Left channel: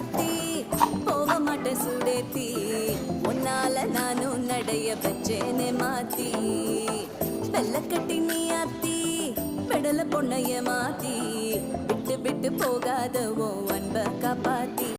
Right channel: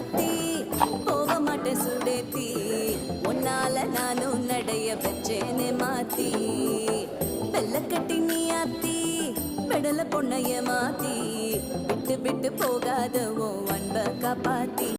சாத்தி போக மாட்டேன் சுடேத்தி உன்னால நானும் நடைய வச்சேனே மாத்தி வெள்ளக்கட்டி நீ ஆத்தி பெடல பொண்ணைய மாத்தி விட்டு விட்டு போகாத உன் அன்ப காப்பாத்தி